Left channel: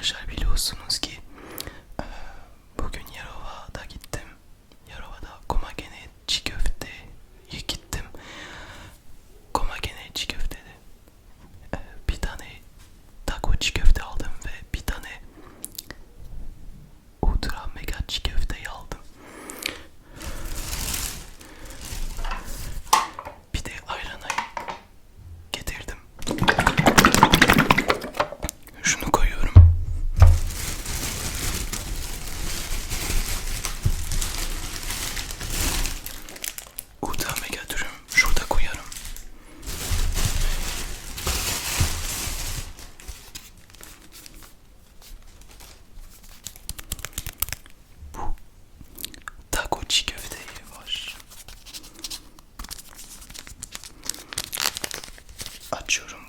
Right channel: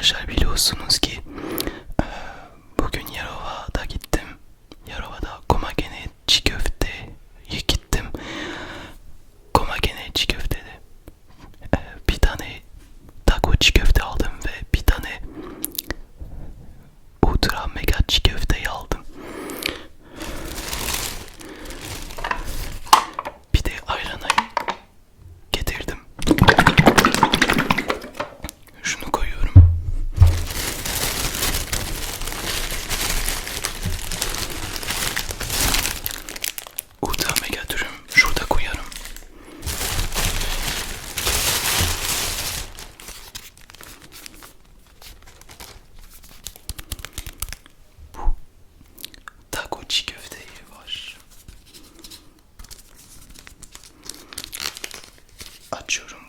arkadaşlar biliyorsunuz ki Açıyorum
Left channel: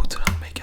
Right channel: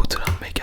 Uğduran Mega.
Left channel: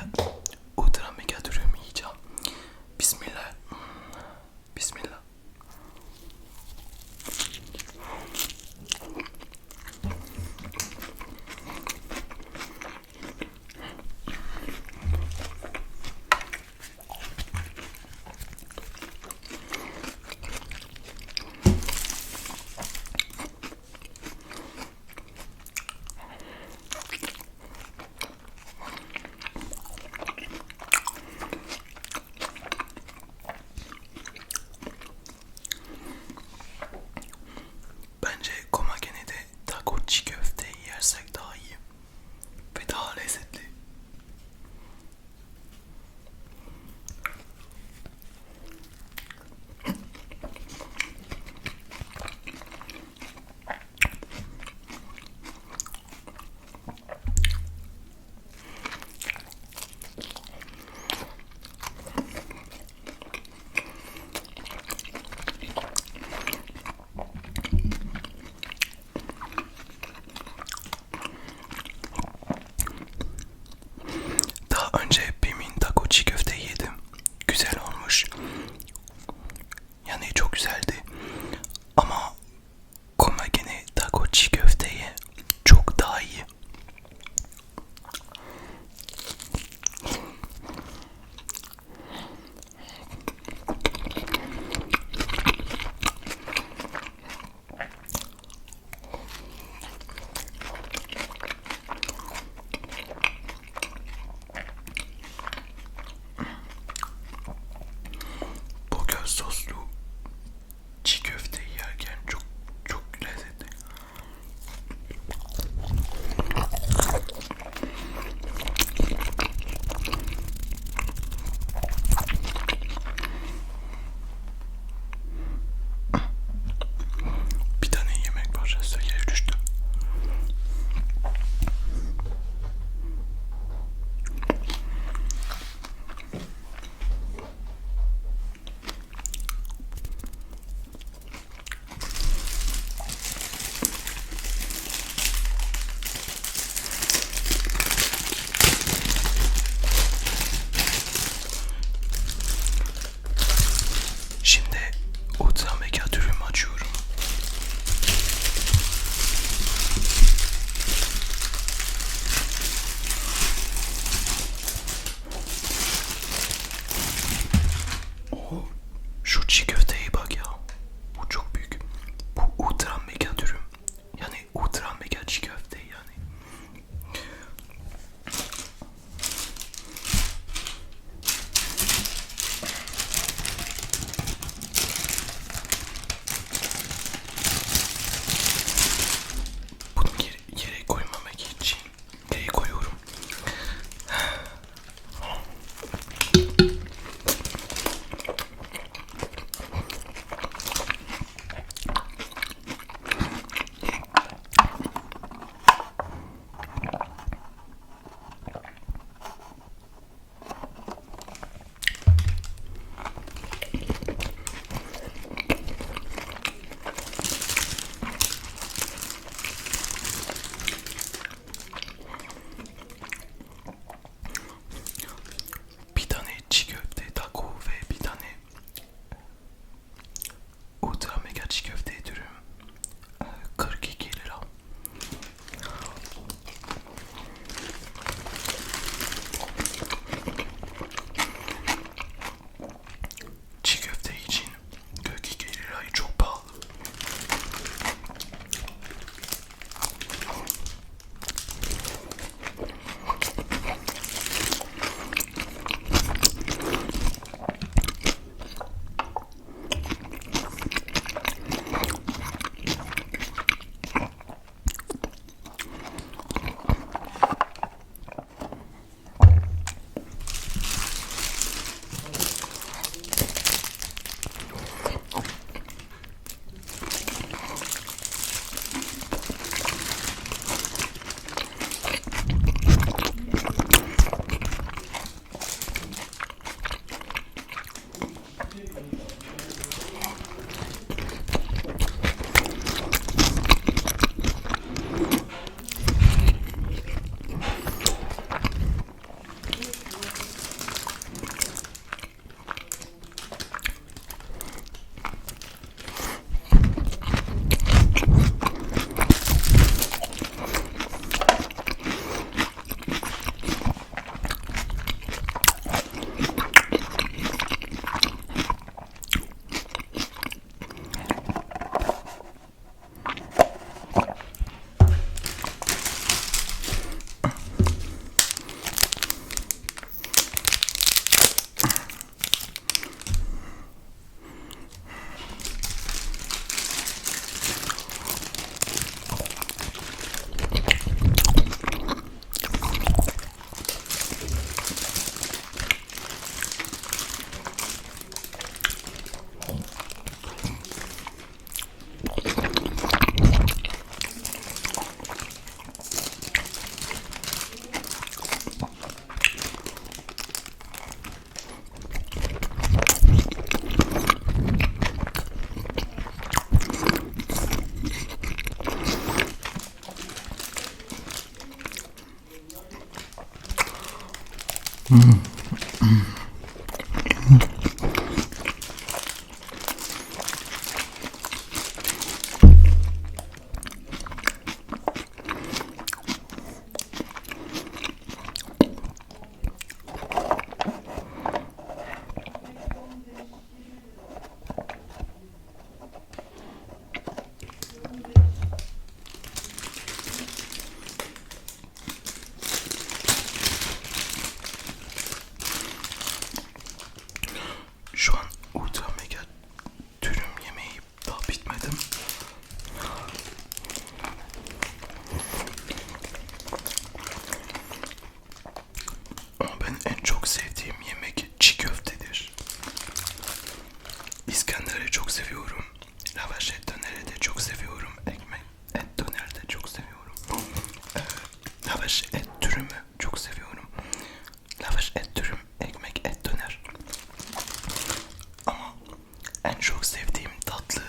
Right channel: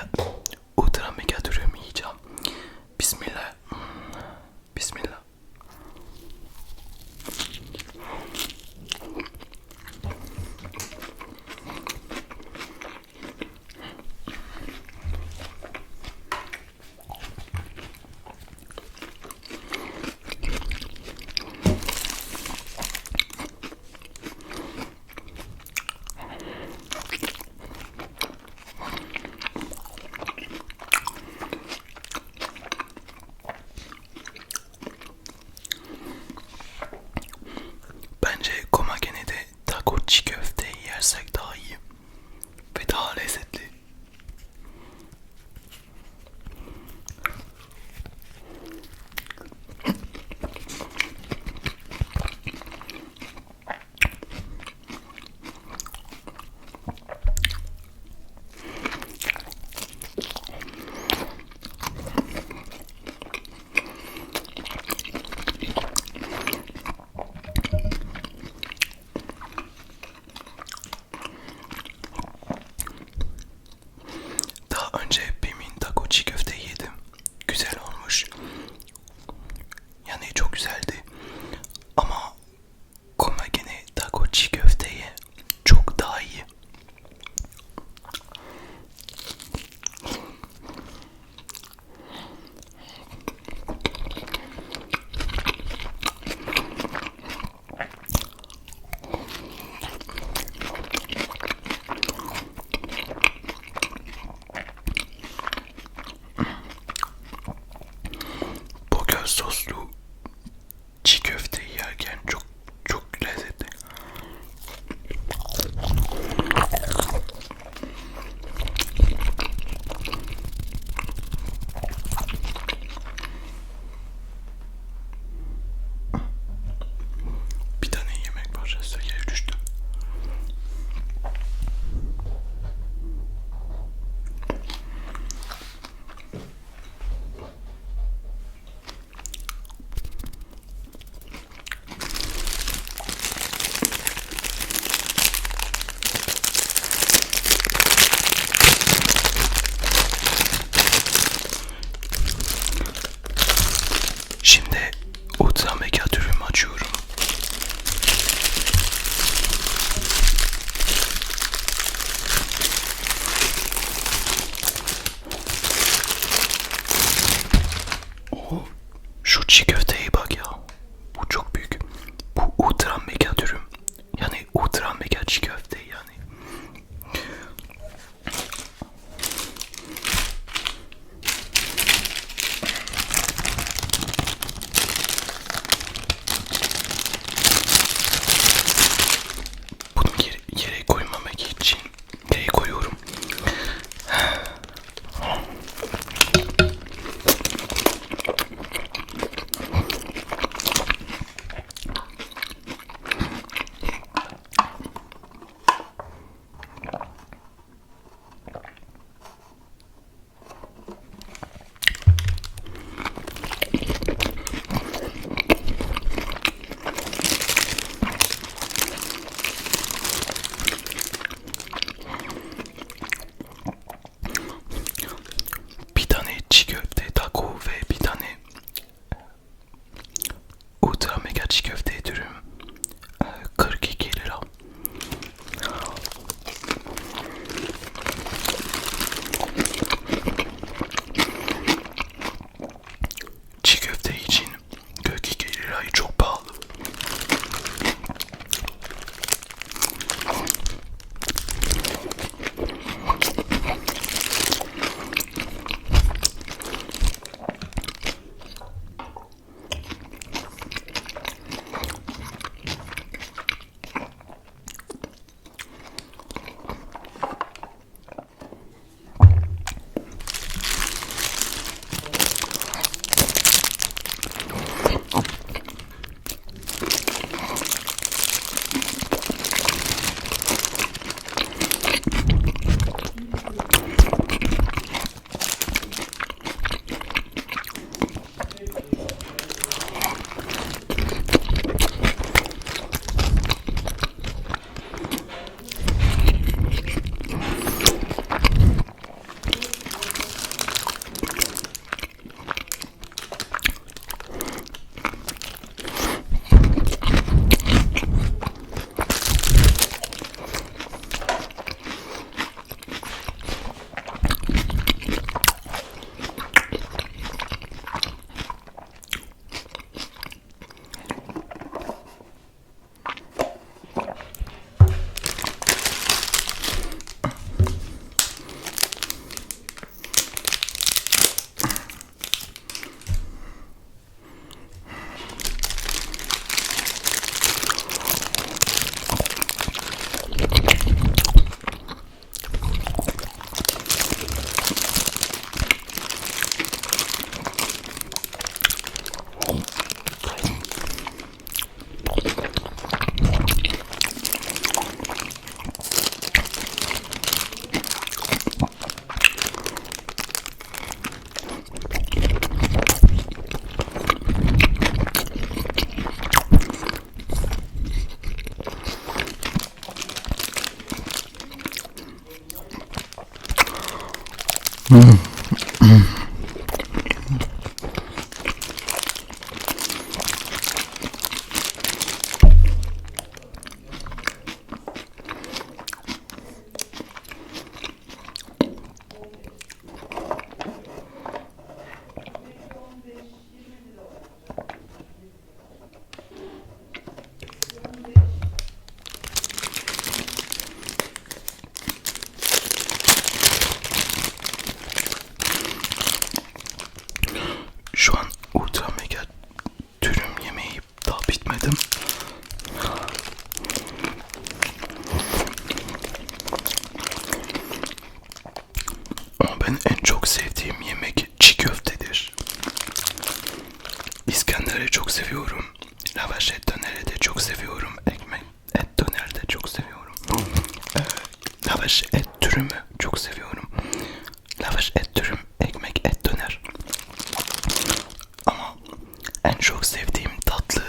en çok sevdiğim tatlı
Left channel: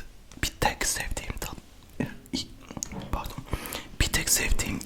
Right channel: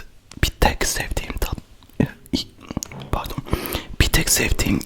bir tek sevdiğim tat pardon. Bir tek sevdiğim